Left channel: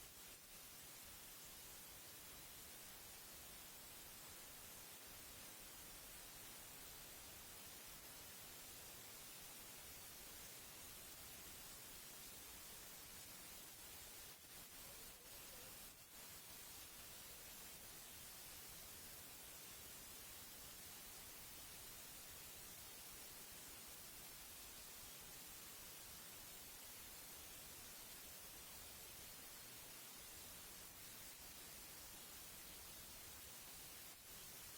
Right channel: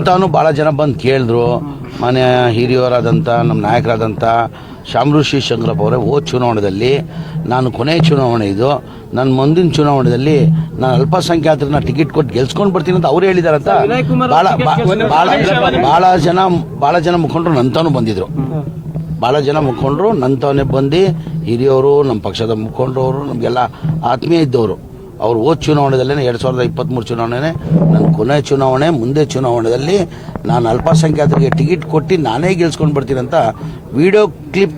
ಅಂತಾನು ಭಾಳ ಜನ ಬಂದು ಕೇಳಿದ್ರು. ಮನೆ ಹಿರಿಯವರಾದಂಥ ನಮ್ಮ ನಾಯಕರಾದಂಥ ಶಾಮೃಷಿ ಶಂಕರಪ್ಪ ಅವರೇ, ಹೋದ ಚುನಾವಣೆಯಲ್ಲಿ ನಾನು ಕೊನೆಯ ಚುನಾವಣೆ ಇದು, ನನ್ನ ಮುಂದಿನ ಚುನಾವಣೆಯಲ್ಲಿ ನಾನು ಅಲ್ಪಸಂಖ್ಯಾತರನ್ನ ಟಿಕೆಟ್ ಕೊಟ್ಟು ಗೆಲ್ಸ್ಕೊಂಡು ಬರ್ತೀನಿ ಅಂತ ಅವ್ರು ಹೇಳಿದಾರಂತ ಭಾಳ ಜನ ಮುಖಂಡರು ನಂತಾನು ಬಂದಿದ್ರು. ಭಾಳ ಜನ ಮುಖಂಡರು ನಂತವನೇ ಬಂದು, ಹಿರಿಯವರು, ನಮ್ಮ ಪಕ್ಷದ ಮುಖಂಡರು, ನಮಗೆಲ್ಲ ಆತ್ಮೀಯ ಇದ್ದವರು, ಅವ್ರು ಹೋದ ಚುನಾವಣೆದಲ್ಲೇ 2023 ಚುನಾವಣೆ ನನ್ನ ಕೊನೆಯ ಚುನಾವಣೆ, ಮುಂದೆ ಚುನಾವಣೆಯಲ್ಲಿ ನಾನು ಅಲ್ಪಸಂಖ್ಯಾತರಿಗೆ ಟಿಕೆಟ್ ಕೊಟ್ಟು ನಾನೇ ಗೆಲ್ಸ್ಕೊಂಡು ಬರ್ತೀನಿ ಅಂತ ವಿಡಿಯೋ ಕ್ಲಿಪ್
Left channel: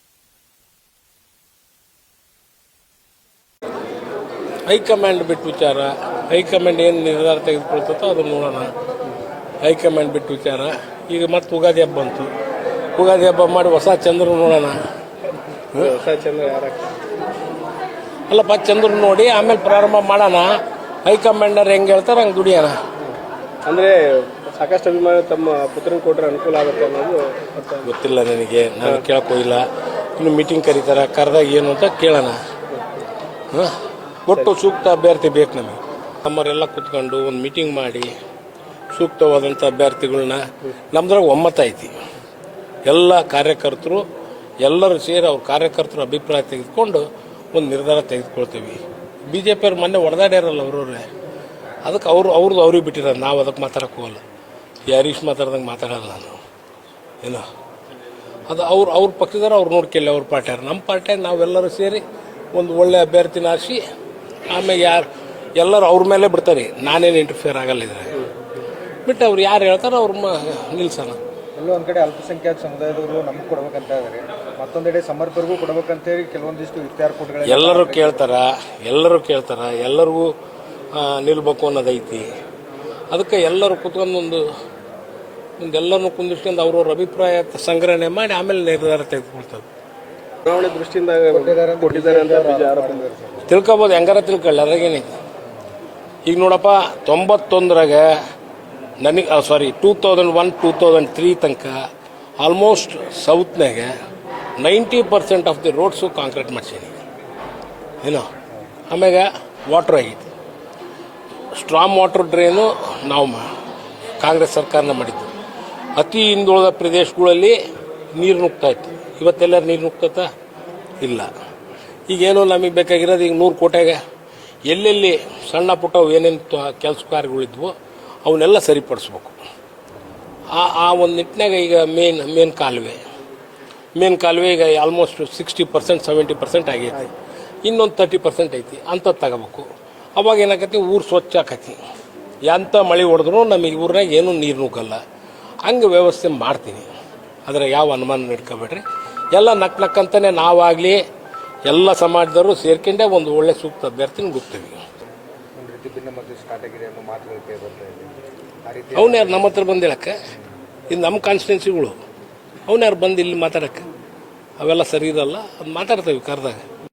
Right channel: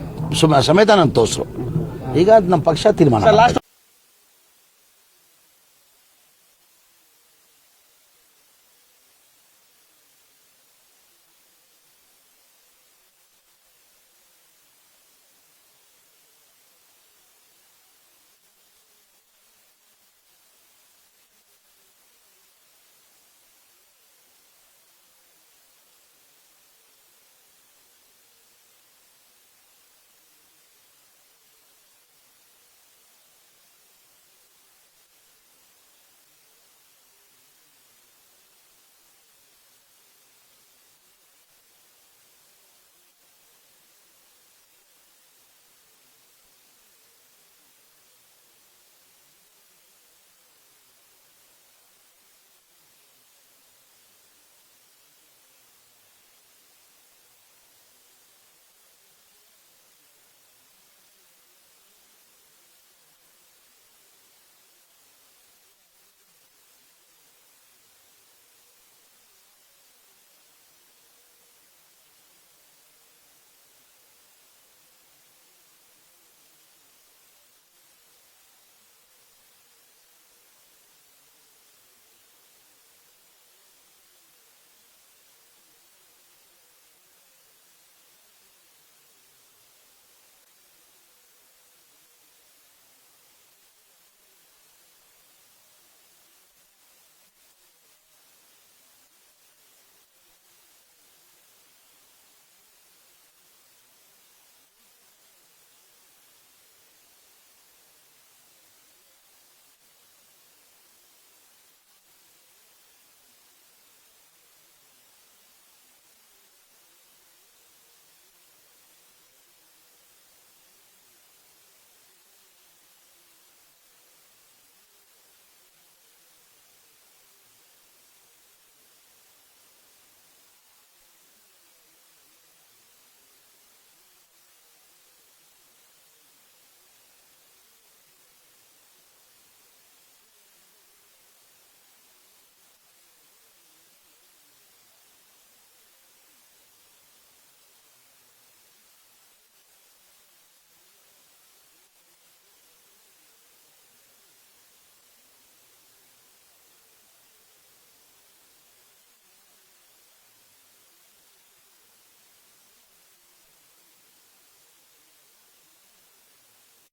ಸಮೇತ ನಾನು ತೋರಿಸ್ರು. ಈಗ ನಮ್ಮ ಪಕ್ಷ ತೀರ್ಮಾನ. ಹೈಕಮಾಂಡ್ ಬಿಟ್ಟು ವಿಚಾರ, ಹೈಕಮಾಂಡ್ ಏನು ನಿರ್ಧಾರ ತೆಗೆದುಕೊಳ್ತೋ ಅದನ್ನು ನೋಡೋಣ. ಹೈಕಮಾಂಡ್ ಬಿಟ್ಟು ವಿಚಾರ. ಈಗ ಮತ್ತೆ ಉಗಾದಿ ಹಬ್ಬ ಬಂತು, ಉಗಾದಿ ಹಬ್ಬ ಮಾಡಿ ಹೊಸ ಚಂದ್ರ ನೋಡೋಣ. ಹೊಸ ಚಂದ್ರ ಅಲ್ಲಪ್ಪ, ಚಂದ್ರ ನೋಡಿ ಆಮೇಲೆ ಪ್ರಾರಂಭ ಮಾಡೋಣ. ಹೈಕಮಾಂಡರ್ ಹೆಂಗೆ ಹೇಳ್ತಾರೆ ಹಂಗೆ ದುಡಿಯೋಣ. ಅಂದರೆ ಸಾಕಷ್ಟು ಅಭಿಮಾನ ತಮ್ಮ ಪುತ್ರನ ಕೊಟ್ಟರೆ ಅನುಕೂಲ ಆಗುತ್ತೆ ಅನ್ನೋದು ಗೊತ್ತಿಲ್ಲ ನನಗೆ, ನಾನು ಕೇಳೋಕ್ಕೋಗಿಲ್ಲ. ಇನ್ನು ಮೀಟಿಂಗ್ ಕರೀತಾರೆ, ಕರೆದಾಗ ಏನು ಅಂತ ಕೇಳೋಣ. ಒಟ್ಟು ಸೂಕ್ತ ಅಭ್ಯರ್ಥಿ ಬೇಕು ನಮಗೆ. ನಮ್ಮವರೆಲ್ಲ ಕೂತ್ಕೊಂಡು ಒಂದು ಮೀಟಿಂಗ್ ಮಾಡಿ ಸೂಕ್ತವಾದಂಥ ಅಭ್ಯರ್ಥಿಗಳನ್ನ, ನಮ್ದ್ರಾಗ ಒಮ್ಮತ ಐತಿ. ಎಲ್ಲ ಕಾರ್ಯಕರ್ತರು ಎಲ್ಲರೂ ಸೇರಿ ಅವ್ರ ಕಾರ್ಯಕರ್ತರು ಅಭಿಪ್ರಾಯ ತೆಗೆದುಕೊಂಡು ಒಂದು ನಿರ್ಧಾರ ತೆಗೆದುಕೊಳ್ತೀವಿ. BJP ಅವ್ರು ಮೊನ್ನೆ ಹೊಡೆದಾಡ್ಯಾರಲ್ಲ ಅವ್ರವ್ರೆ, ಅದಕ್ಕೆ ಅವ್ರಿಗೆ ಬಿಟ್ಟಿರೋದು. ನಾವು ಅದಕ್ಕೆ ಮಾತಾಡೋಕೆ ಹೋಗಲ್ಲ. ಹರೀಶ್ ಮಾತಾಡ್ದಂಗೆ ಮಾತಾಡಲ್ಲ ನಾನು. ಏನೋ ಅದು ಅವ್ರ ಪಕ್ಷದವ್ರು ಅವ್ರು ನೋಡ್ಕೊಳ್ಳಿ, ಅವ್ರ ಪಾರ್ಟಿಯವ್ರು. ನಮ್ಮ ಪಾರ್ಟಿಯಾಗ ನಾವೆಲ್ಲರೂ ಸೇರಿ ಒಂದು ಒಳ್ಳೆ ಅಭ್ಯರ್ಥಿನ ಆರಿಸಿ ಆಮೇಲೆ ಎಲ್ಲರೂ ಅವ್ರ ಮೇಲೆ ಬಿಡ್ತಾರೆ. ನಾನೇನು ಇಂಟರ್ಫಿಯರ್ ಆಗಲ್ಲ ಇದ್ರೆ ಬಿಟ್ಟು ಅವ್ರು ಯಾರು ಹೇಳ್ತಾರೆ ಅವ್ರ ನಿಲ್ಸೋಣ. ಎಲ್ಲೋ ಒಂದು ಕಡೆ ಅಲ್ಪಸಂಖ್ಯಾತ ಸಮುದಾಯದವರು ನಮ್ಗೆ ಕೊಡ್ಬೇಕಂತ ಇದ್ದಾರೆ, ಮತ್ತೊಂದೆಡೆ ಸಮರ್ಪರಿಗೂ ಕೊಡ್ಬೇಕಂತೇಳಿ ಕೆಲವೊಂದಿಷ್ಟು ಇತ್ಯಾರ ಕೊಟ್ಟಗಳು ಎಲ್ಲರೂ ಕೇಳ್ತಾರೆ, ಎಲ್ಲರಿಗೂ ನಿಲ್ಬೇಕು ಅನ್ನೋದೈತಿ. ಅದಕ್ಕೆ ಎಲ್ಲರೂ ಕುತ್ಕೊಂಡು ಎಲ್ಲರನ್ನು ಕುಂದಿಸ್ಕೊಂಡು ಅವ್ರವ್ರ ಅಭಿಪ್ರಾಯ ಸಂಗ್ರಹಣೆ ಮಾಡಿ ಆಮೇಲೆ ನಿರ್ಧಾರ ತೆಗೆದುಕೊಳ್ತಾರೆ. ಚುನಾವಣೆ ದೃಷ್ಟಿಯಿಂದ ಕೊಟ್ಟಿದ್ದಾರೆ ಅಂತ ತಿಳ್ಕೊಬೋದು, ಹೆಂಗಾರ ತಿಳ್ಕೊಳ್ಳಿ, ಅದ್ರಾಗೇನೈತಿ. ಈಗ ನೋಡಪ್ಪ, 91ರಾಗ ನನಗೆ 2001-2003 ತನಕ ಆಲ್ಮೋಸ್ಟ್ ಸೌತ್ನಾಗ 90% ಆಫ್ ದಿ ರೋಡ್ಸು ಕಾಂಕ್ರೀಟ್ ಮಾಡ್ಸೀನಿ. ಏನೋ ಆಮ್ಯಾಗ ವಾಟ್ರ್ ಆಗೈತಿ. ಸ್ಟ್ರಾಂಗ್ ವಾಟರ್ ಡ್ರೈನು ನಾವು ಕಾಂಗ್ರೆಸ್ ಸರ್ಕಾರನ ಮಾಡಿದ್ದು. ಅತಿ ಹಿಂದುಳಿದ ಪ್ರದೇಶಗಳಲ್ಲಿ ನೀರು ನುಗ್ತಾಯಿತ್ತು. ಇವತ್ತೆಲ್ಲರೂ ನೀರು ನುಗ್ತತ ಇಲ್ಲ. ಈಗೇನೋ ನಮಗೆ ಬೇಕಾಗಿರೋದು ಈಗ 100 ಕೋಟಿಯಾಗ ಎಲ್ಲೆಲ್ಲಿ ಸಣ್ಣ ಪುಟ್ಟ ಏನೇನು ಕೆಲಸ ಕಾರ್ಯಗಳಿದ್ವೋ ಅವನ್ನೆಲ್ಲ ಸರಿಪಡಿಸ್ಬೇಕು. ಆ ಒಂದು ನಿಟ್ಟಿನಾಗ ಈಗ ಮೇನ್ ಕಾಲುವೆ ಈಗ ಆಲ್ಮೋಸ್ಟ್ 60% 70% ಆಗೈತಿ. ಇನ್ನೊಂದು 30% ಐತಿ, ಅಂಥದ್ದು ತಗೋಬೇಕು. ಅವಾಗ ಏನಾಕತಿ, ಊರು ಸ್ವಚ್ಛ ಆಕತಿ. ಎಂಥ ಮಳೆ ಹೊಡೆದ್ರೂ ನಮಗೆ ಊರಾಗ ಏನೂ ನೀರು ನುಗ್ಗಲ್ಲ. ಹಂಗೆ ವ್ಯವಸ್ಥೆ ಮಾಡ್ತೀನಿ. ಆದರೆ ಯಾವ ಅನುಮಾನ ಇಟ್ಕೋಬೇಡ್ರಿ. ಎಲ್ಲ ನಕ್ಕಂತಾನೆ ನಾವಾಗಲಿ ಎಲ್ಲ ಸಮಾಜದವರು ಸೇರ್ಕೊಂಡೆ ಒಂದು ಒಳ್ಳೆ ಸೂಕ್ತ ಅಭ್ಯರ್ಥಿನ ಗುರ್ತೀವಿ. ಅವನ್ಯಾರು ನಮ್ಮ ಹತ್ರ ಬಂದಿಳಕ್ಕೆ, ಇದು ನಮ್ಮ ಕಾನ್ಸ್ಟಿಟ್ಯೂನ್ಸಿಗಳು. ಅವನ್ಯಾರು ಬಂದು ಇಲ್ಲಿ ಮಾತಾಡೋಕ್ಕೆ ಅವೆಲ್ಲ ಸರಿ ಇರಲ್ಲ. ಅದು ಮಾತಾಡ್ತೇವೆ ಕರೆದಾಗ.